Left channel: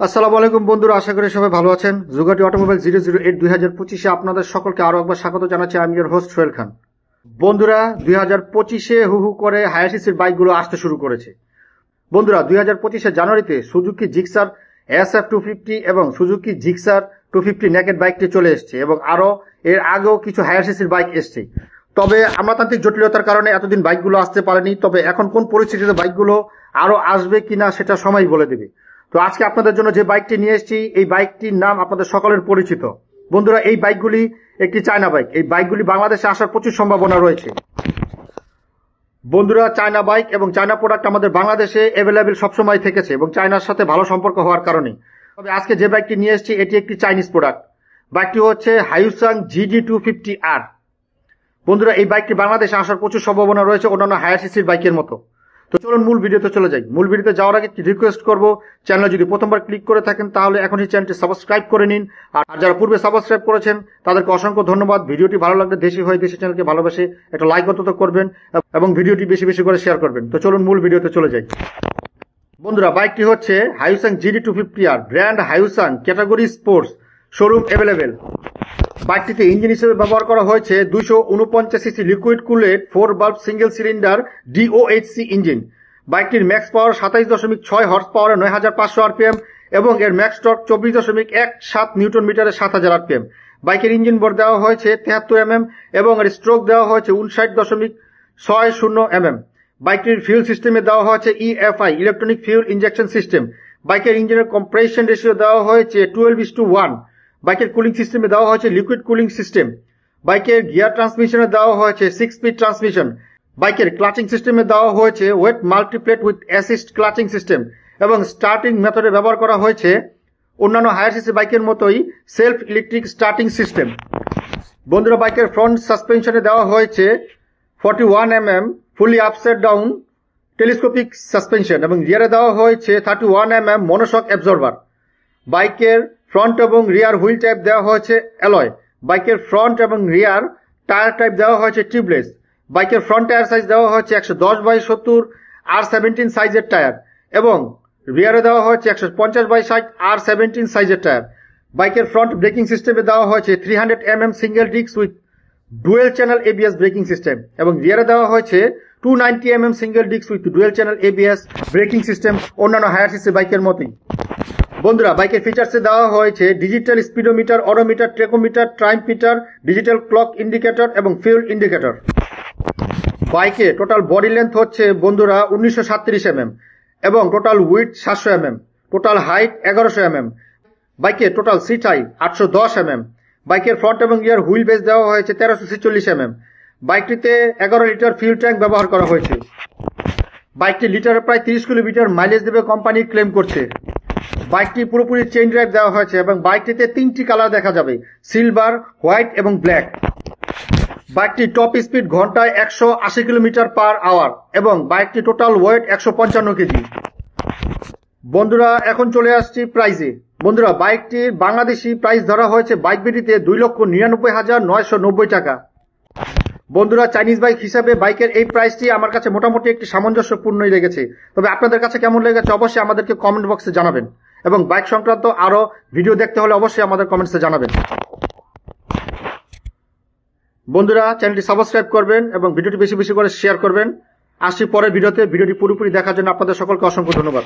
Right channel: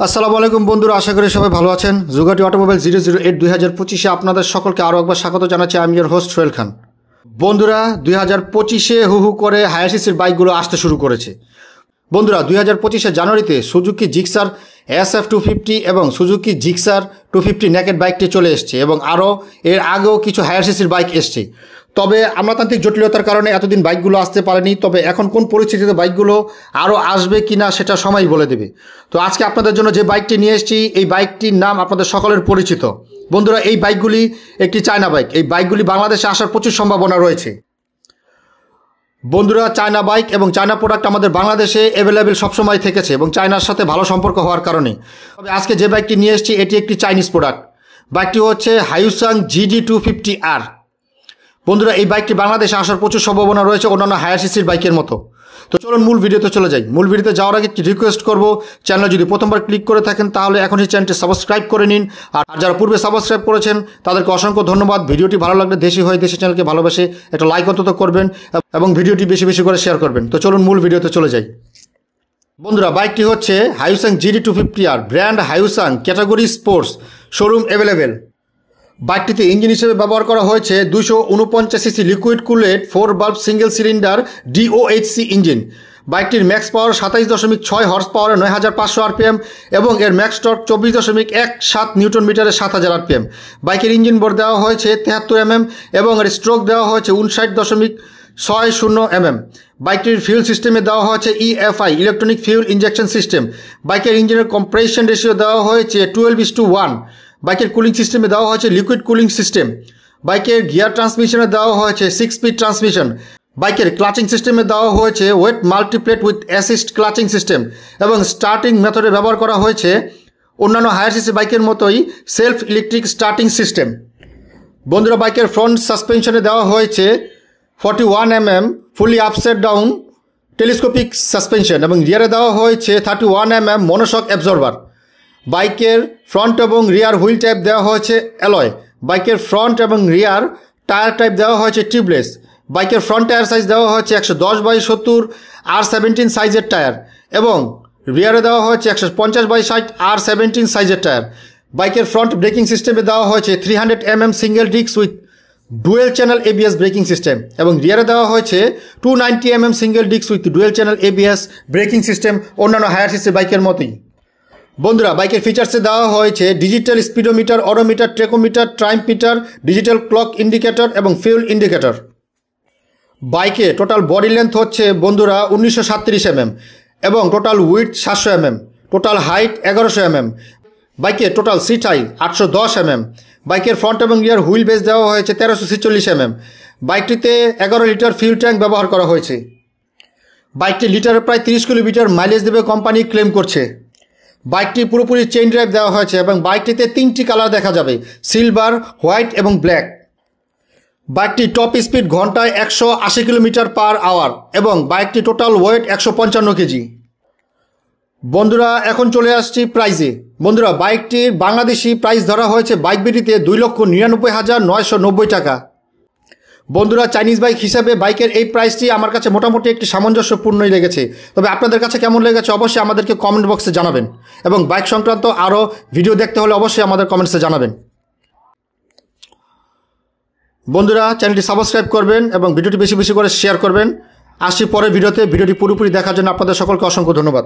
আসসালামু আলাইকুম বন্ধুরা, আশা করি সবাই ভালো আছেন। জুগাটি অটোমোবাইল 008 2025-এ আপনাদের সকলকে আরও একবার স্বাগত জানাচ্ছি। আমি এর হোস্ট সোহেল খান। বন্ধুরা, 2025-এ হু করে হায়ার সিসির বাইকগুলো আসতে শুরু করেছে। বন্ধুরা, 2025-এ জানুয়ারিতে সুজুকি জিক্সার SF250 এবং সুজুকি জিক্সার 250 নেকেড বাইকটি চলে এসছে এবং আরও এর আগেও কিছু হায়ার সিসির বাইক এসছে। তবে আমলাতান্ত্রিক জটিলতার কারণে এতদিন বাইকগুলো আসতে পারেনি। তবে এখন কোন পরিস্থিতিতে বাইকগুলো আরও আসবে কি না সেটা সময় বলে দেবে। তো আজকে আপনাদের জন্য যে বাইকটি নিয়ে এসেছি, এই বাইকটির নাম আপনাদের সকলের পরিচিত। বন্ধুরা, এই বাইকগুলি একটি চায়না বাইক। এই বাইকগুলি বাংলাদেশে আসার প্রচুর সম্ভাবনা রয়েছে। বন্ধুরা, চায়না বাইক এবং চায়না প্রোডাক্ট আমাদের বাংলাদেশে অ্যাভেলেবেল সবসময় থেকেছে এবং চায়নার সাথে ভালো সম্পর্ক হওয়ার কারণে। তবে আজকে যে বাইকটি নিয়ে এসেছি এটি একটি চাইনিজ প্রোডাক্ট। বাইকটি হচ্ছে হাইউসাং GD250R। বন্ধুরা, এই বাইকটি বাংলাদেশে আসার প্রচুর সম্ভাবনা রয়েছে অন্যান্য হায়ার সিসির বাইকের মতো। তো চলুন মূল ভিডিওতে চলে যাই। মূল ভিডিওতে যাওয়ার আগে একটি রিকোয়েস্ট করব, চ্যানেল যদি প্রথমবার ক্লিক করে থাকেন তাহলে এখন এই চ্যানেলটি সাবস্ক্রাইব করে নিন। আর যারা পূর্বে সাবস্ক্রাইব করেছেন তাদেরকে অসংখ্য ধন্যবাদ। ভিডিওটি ভালো লাগলে দেশি হয়ে দেশি চ্যানেলকে ভালোবেসে একটা লাইক অন্তত করবেন এবং ভিডিওটি বেশি বেশি করে শেয়ার করবেন। তো চলুন মূল ভিডিওতে চলে যাই। বন্ধুরা, বাইকটি হচ্ছে Hyosung GD250R, brand Hyosung, category sports, showroom available. বাইকটিতে ইঞ্জিন হিসেবে ব্যবহার করা হয়েছে 249 সিসি লিকুইড কুলেড 4 বাল্ব সিঙ্গেল সিলিন্ডার DOHC ইঞ্জিন। বাইকটির ম্যাক্স পাওয়ার 27.6 হর্স পাওয়ারে 9500 RPM এবং এর ম্যাক্স টর্ক 24.17 নিউটন মিটারে 7000 RPM। বাইকের ইঞ্জিন বোর দেওয়া হয়েছে 73 mm এবং এর স্ট্রোক দেওয়া হয়েছে 59.60 mm। বাইকটির ফিউল সিস্টেমে দেওয়া হয়েছে EFI, electronic fuel injection system. বাইকের ইঞ্জিনের কম্প্রেশন রেশিও দেওয়া হয়েছে 12:1। বাইকের কুলিং সিস্টেমে দেওয়া হয়েছে লিকুইড কুলিং সিস্টেম। বাইকের গিয়ার ট্রান্সমিশনে দেওয়া হয়েছে 6 স্পিড ট্রান্সমিশন। বাইকের ক্লাচিং সিস্টেমে দেওয়া হয়েছে wet multiplate with assist clutching system এবং স্টার্টিং মেথডে ব্যবহার করা হয়েছে অন্যান্য হায়ার সিসি বাইকের মতোই সেলফ ইলেকট্রিক স্টার্টিং সিস্টেম। বন্ধুরা, বাইকের ফ্রন্ট সাসপেনশনে দেওয়া হয়েছে 41 mm ফুলি আপসাইড ডাউন টেলিস্কোপিক সাসপেনশন এবং রিয়ারে দেওয়া হয়েছে 31 mm মনোশক অ্যাবজর্ভার। বাইকের ফ্রন্ট এবং রিয়ার হুইল টাইপ দেওয়া হয়েছে অ্যালয়। বাইকের ফ্রন্ট এবং রিয়ার টায়ার টাইপ দেওয়া হয়েছে টিউবলেস। বাইকের ফ্রন্ট টায়ার সাইজ দেওয়া হয়েছে 110/70 R17 সাইজের টায়ার এবং রিয়ারে দেওয়া হয়েছে 150/60 R17 সাইজের টায়ার। বাইকের ফ্রন্ট ব্রেকিং সিস্টেমে দেওয়া হয়েছে 300 mm single disc with dual channel ABS braking system এবং রিয়ারে দেওয়া হয়েছে 290 mm single disc with dual channel ABS braking system অন্যান্য হায়ার সিসি বাইকের মতোই। বন্ধুরা, বাইকের ফিচার্সে দেওয়া হয়েছে digital speedometer, odometer, tachometer, tripmeter, digital clock indicator এবং ফিউল ইন্ডিকেটর। বাইকে টোটাল বডি লেন্থ হচ্ছে বন্ধুরা 1937 mm এবং total width 700 mm, total height 1100 mm। বাইকে টোটাল সিট হাইট 810 mm। বাইকের ফ্রন্ট এবং রিয়ার হুইল বেস দেওয়া হয়েছে 1346 mm। বাইকটিতে 11 লিটার ফিউল ট্যাঙ্ক ব্যবহার করা হয়েছে। বাইকটি লিটারে প্রায় 30 কিলোমিটার মাইলেজ দেবে কোম্পানি ক্লেম করছে। বাইকটি পুরোপুরি চেইন ড্রাইভ দেওয়া হয়েছে এবং বাইকটিতে 3টি কালার দেখা যাবে, সিলভার, হোয়াইট এবং ব্ল্যাক। বাইকটি টপ স্পিড ঘন্টায় 180 km/h এবং বাইকটি টোটাল ওয়েট 155 কেজি। বন্ধুরা, এখন চলে আসছি প্রাইজে। বন্ধুরা, বাইকটির বাংলাদেশি প্রাইস ধরা হয়েছে বাইক বিটিতে 2,99,990 টাকা। বন্ধুরা, চাইনিজ বাইক হিসাবে বাইকের এই প্রাইসটি আমার কাছে মোটামুটি একটি সামঞ্জস্যপূর্ণই লেগেছে। তবে আপনাদের কাছে কেমন লেগেছে অবশ্যই আমাদেরকে কমেন্ট বক্সে জানাবেন এবং বাইক সংক্রান্ত আরও ভিডিও দেখতে হলে অবশ্যই আমাদের কমেন্টসে জানাবেন। বন্ধুরা, চ্যানেলটি সাবস্ক্রাইব করবেন এবং ভিডিওটি বেশি বেশি করে শেয়ার করবেন। আসছি পরের ভিডিওতে। ভিডিওটি পুরোপুরি দেখার জন্য আপনাদের সকলকে অসংখ্য ধন্যবাদ।